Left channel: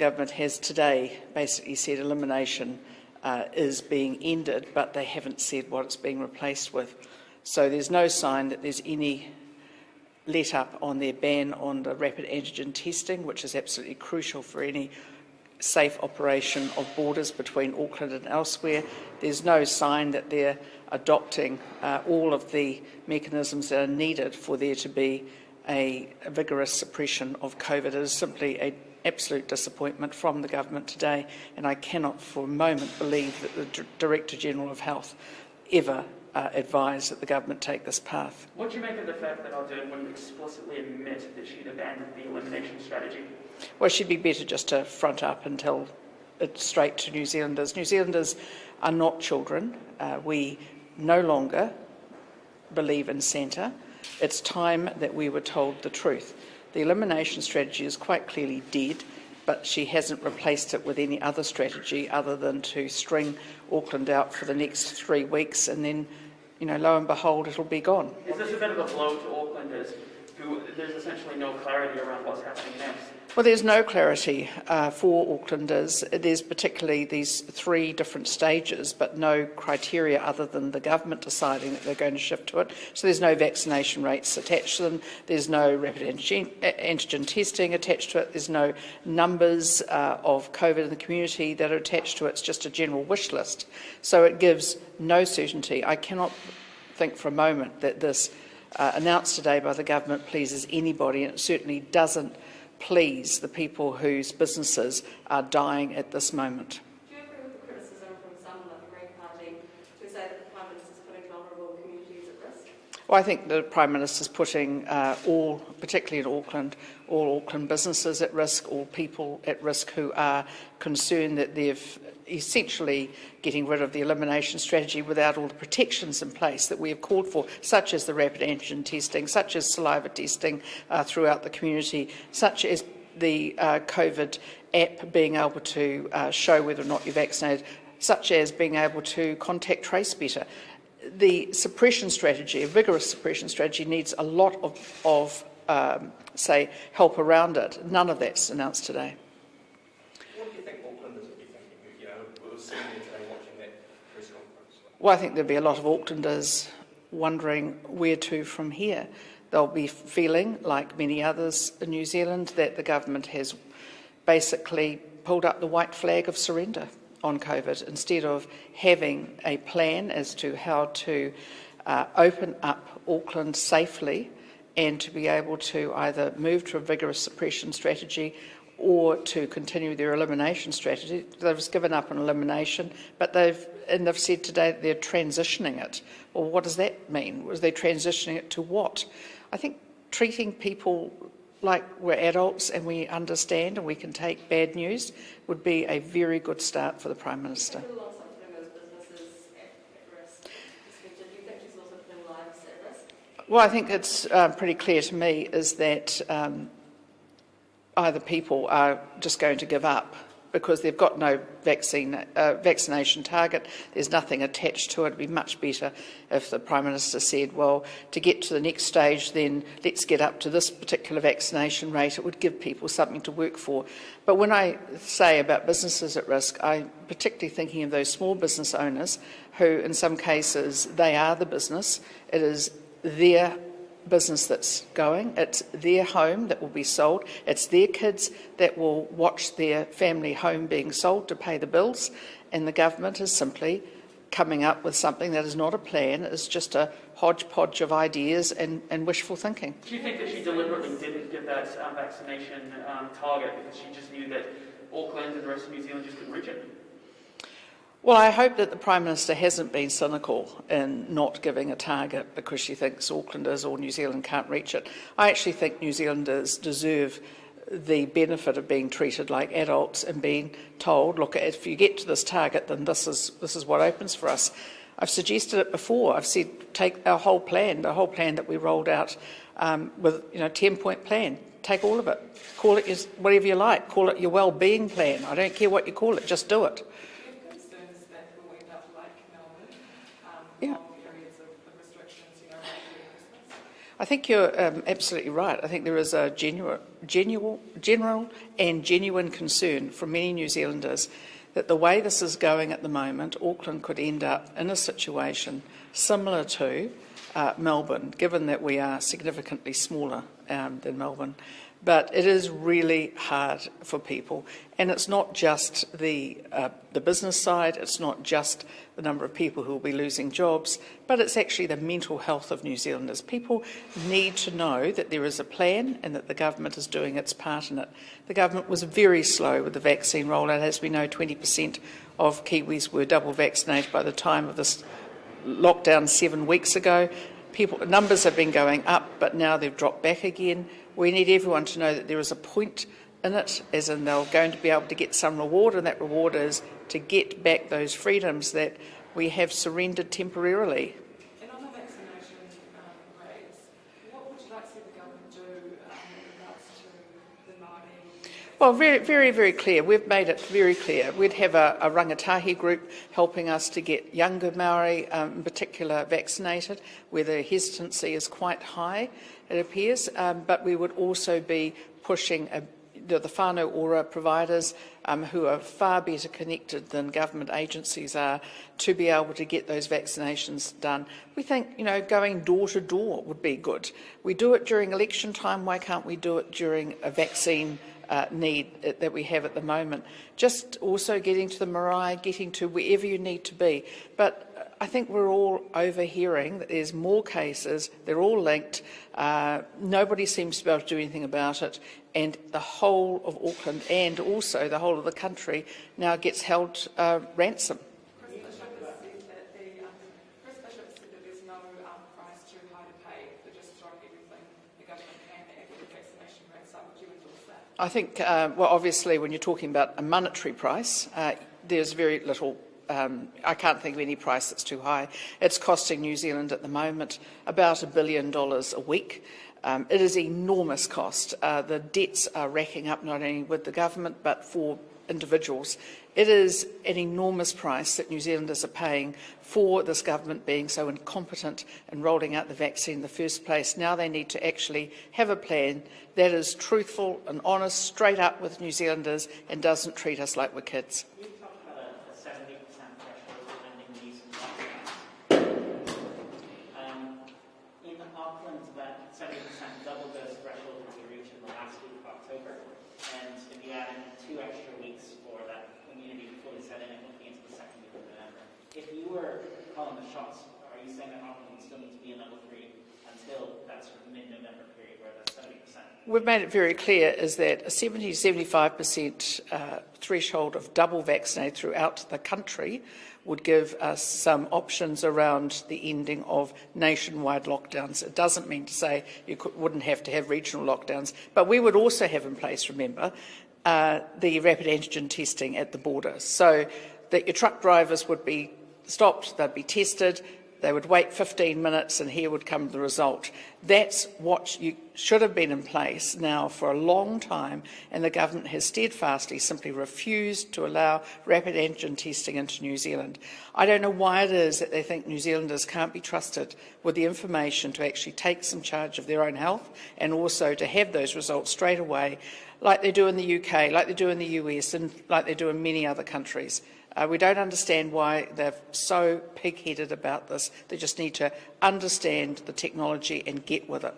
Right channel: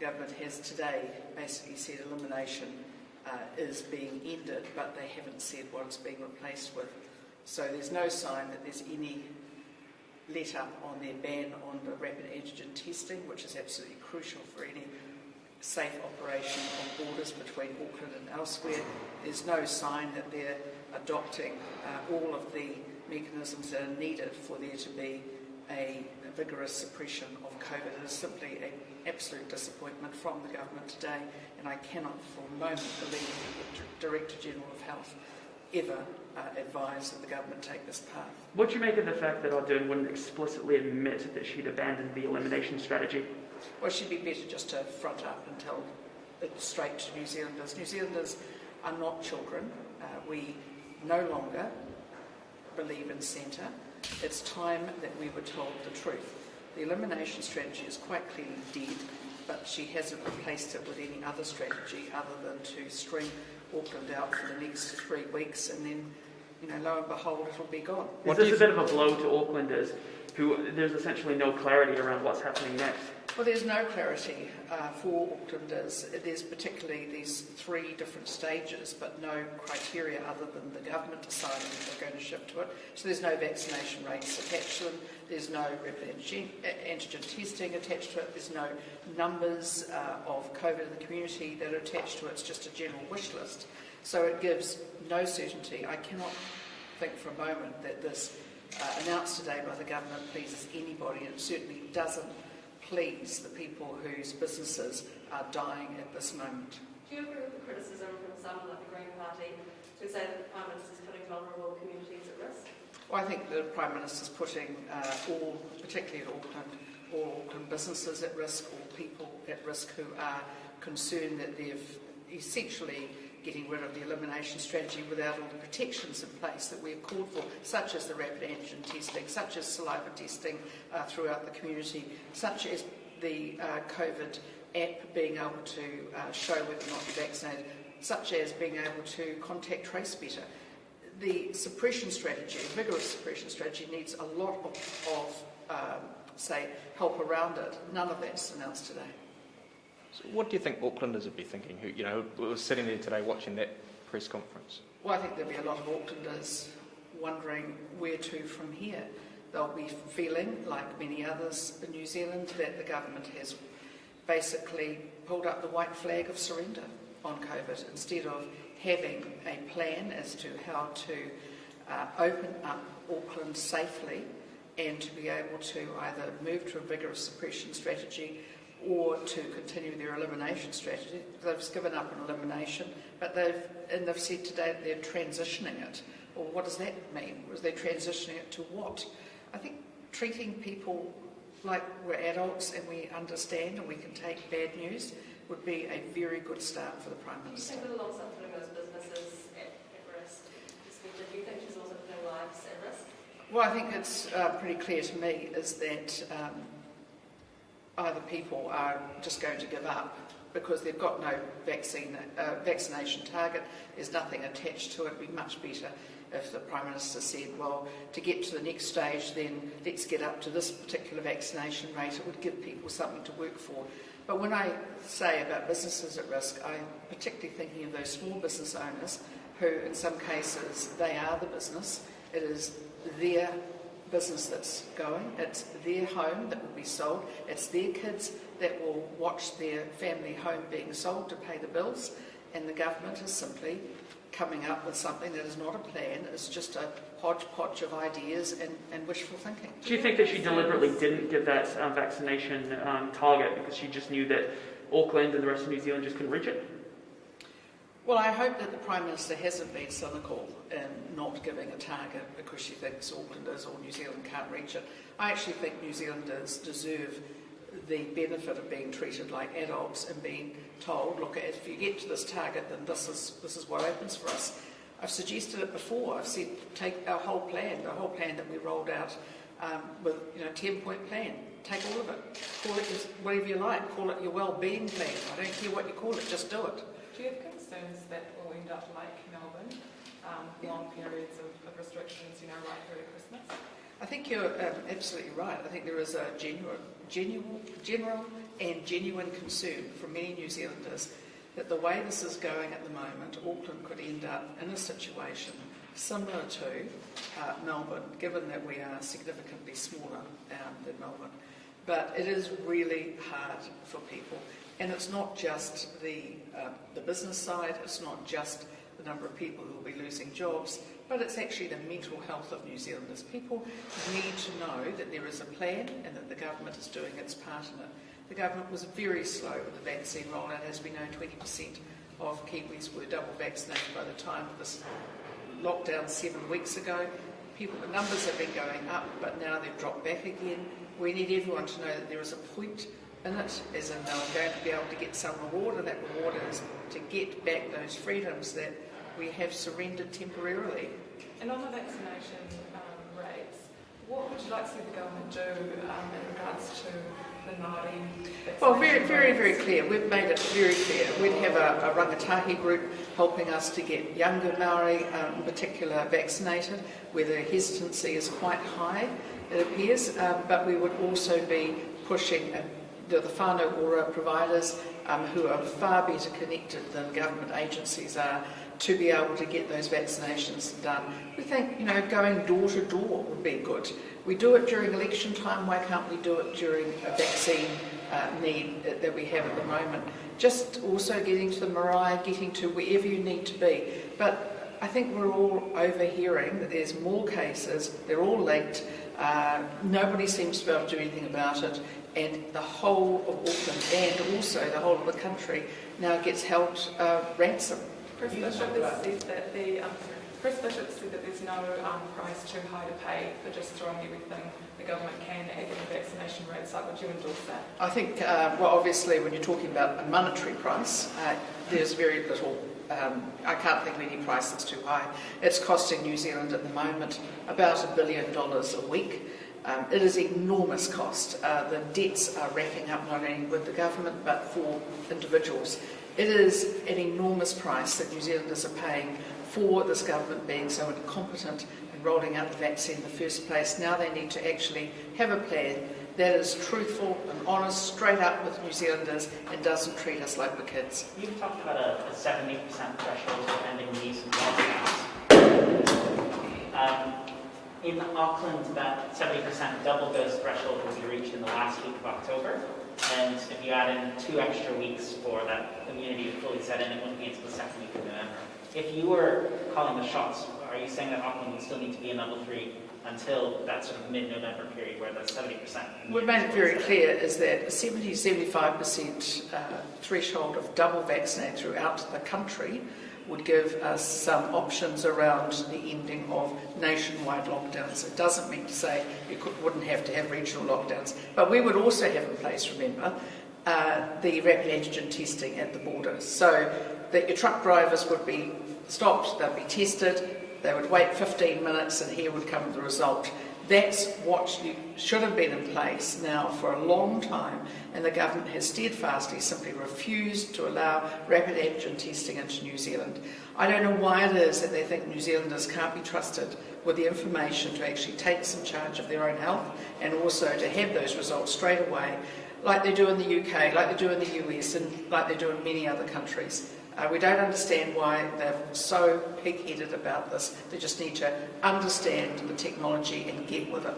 government has today basically said elimination is being ended, but they haven't said what it's being replaced with. So there's no sign that there's any let up on their ban on the rapid antigen testing, which is absolutely crucial for any safe operation of borders between Auckland and elsewhere. There's no sign that they're adopting all of the mechanisms that are needed for there to be a vigorous suppression of COVID. It is simply an absolute disappointment from the government today, and I cannot for a moment believe that the Director General of Health ever advised that the government take this path. What do you make of the fact that Ardern wouldn't explicitly admit that she'd abandoned the elimination strategy? Well, she'd be better just to front up and tell it straight to New Zealanders. New Zealanders are not children. We no longer believe in Santa. It's time that we were told the truth. The elimination strategy is quite clearly dead, but she hasn't replaced it with any other strategy other than to string Auckland out for the next 3 weeks, and then, lo and behold, it'll be gone. Is this a bit of a blow to Aucklanders who there's essentially no clarity around what's happening next? Well, there's no clarity for Aucklanders. There's particularly these 3 different stages, but no criteria other than the government deciding that they're going to shift to it. So there's no vaccination rates attached to them. There's no rapid antigen testing attached to it. There's no numbers of COVID in the community that are attached to it. It's just a general wish list. So it gives no certainty. I cannot think for a moment that this announced today by the government pleases anybody, and it certainly doesn't please the people whose businesses are dying at this moment. Do you agree with the criticism from some like the Green Party who say that the Prime Minister is putting vulnerable communities at risk? Well, I think the Prime Minister is putting particularly in Auckland, all Auckland businesses at risk, all people at risk who are concerned that they've essentially getting rid of the elimination strategy without all the protections in place that we have called for, such as the rapid antigen testing, such as saliva testing throughout the community, such as the COVID app being able to show whether or not you're vaccinated, such as being able to contact trace better. The suppression strategy, a vigorous suppression strategy, needs a lot of help around it. None of that's announced today. What do you think Aucklanders would be thinking, who were sitting there today watching that press conference? Well, I think there'll be a lot of Aucklanders wondering where to from here. They'll be feeling, like many others in New Zealand, that the government has basically pulled up the white flag of surrender on COVID instead of having a plan as to how to open up Auckland safely and to be able to either move to a vigorous suppression strategy or to continue their elimination strategy. They've given up on elimination, but they've said today that they're transitioning it. Well, what does that mean? Was they transitioning it to what? I think treating people like we're adults and we understand and we can take bad news would be a very good start for the Prime Minister. Do you think alongside putting those businesses at risk, do you think she's also putting lives at risk? Well, I think it's pretty clear to me is that either people are just going to give up because they've got no vaccination target. There's nothing attached to it. It would be much better if the Prime Minister said, well, to get to the next stage, then let's get up to this particular vaccination rate. It would give people something to work for. But when I say about businesses at risk, I'm particularly thinking of those small business owners who, in some cases, they are the business. It is their business that's going, it's their home that will be sold, it's their kids that will watch their family home being sold to pay the bills, and the government is simply coming up with something that is not a plan, it's just a hodgepodge of ideas and wishful thinking. Do you think that she deliberately didn't give that vaccination target because she just knew that Auckland and the rest of New Zealand just couldn't reach it? Well, I hope that the Prime Minister hasn't been cynical in not giving a target because she thinks Aucklanders or New Zealand can't reach it. I actually think New Zealanders deserve the benefit of being treated like adults and being told, look, if you get to this target, then this is what opens for us. I've suggested it before. I've said take our whole plan, the whole plan that we rolled out with a 10-point plan. Take all of it. Call it whatever you like. Call it your well-being plan. I don't care what you call it. Just do it. Long periods of restrictions, right through Christmas? I think you're absolutely right. I think there is a general and genuine concern from many New Zealanders that the way this is going at the moment, Auckland could end up in a situation similar to Melbourne, given that we are significantly smaller than Melbourne. But it is really hard for people, and it's not just the business side, it's not just the number of people who will be losing jobs, but it's actually the mental health of New Zealanders. People need to know that there is a plan and that the government is doing its part in it. The government was very slow with the vaccine rollout. As we know, 20% of Kiwis were double vaccinated by the time of this lockdown 7 weeks ago. Numbers have been going up, but now they've dropped back again. We need everyone to know that there is a point in it, as in they're going to be able to get some reward, and that reward is to get back those freedoms that we have surrendered temporarily. And on the vaccination rates, what would you like to see the government do in regards to the Māori? Well, very clear. We've made it very clear. We'd have a rangatahi group helping us to get younger Māori, in particular, vaccinated, where the hesitancy is quite high, it appears, but we would also be pushing the whānau ora providers who are far better connected than government agencies are to be able to get those vaccinations done. We think, going door to door would be good. We do it during election time. Why can't we do it during a vaccine need that we have at the moment? Just also getting to the marae, getting to wherever you need to be. But I think we're all overhearing that there's more cases, they're all linked, nobody seems to be able to do anything about it, and the whole of Auckland and also the whole of the country now gets held ransom. Chris Bishop said that there's no price too high to pay for just throwing everything the government can at getting vaccination rates up. Would you endorse that? I think, well, obviously when you're talking about a monetary price, there's very little. I can't think of any price that's too high. It's costing New Zealand at the moment about $1 billion a week. It is enormous cost. The debts are racking up not only with the government but for individuals. It is an enormous price that New Zealanders are paying for this government being so incompetent in rolling out the vaccine in the first place. Now they need to actually have a plan that is truthful and honest, straight up with New Zealanders, and doesn't treat us like we're kids. You've talked about a 70% threshold for ending these lockdowns. In Auckland, that 70% double dose threshold will be reached in the last week of October. And if you add in 2 extra weeks for that immunity to fully set in, it wouldn't be until the second week of November. If you were calling the shots, are you saying that Auckland would still need to be in level 3 until that sort of mid-November period where that's 70%? We've made it very clear is that a 70-75% threshold of double vaccinated throughout the country would give us some options around the ending of nationwide lockdowns. It doesn't mean to say you wouldn't have to have regional lockdowns, but we would also have in place, remember, the rapid antigen testing at the border, so that your truck drivers would be stopped, they'd be tested, they would wait 15 minutes and here would come the result. That's what should have been in place now for a long time, and the government has steadfastly simply refused to allow rapid antigen testing into New Zealand. I don't know why it is that they think New Zealanders can't be trusted with the information to actually take some charge of their own health and also to have those results straight away, like they do in the UK, like they do in the US, and like they do in many other countries. We don't understand why they're so pig-headed about this. They just need to understand the technology and get with it.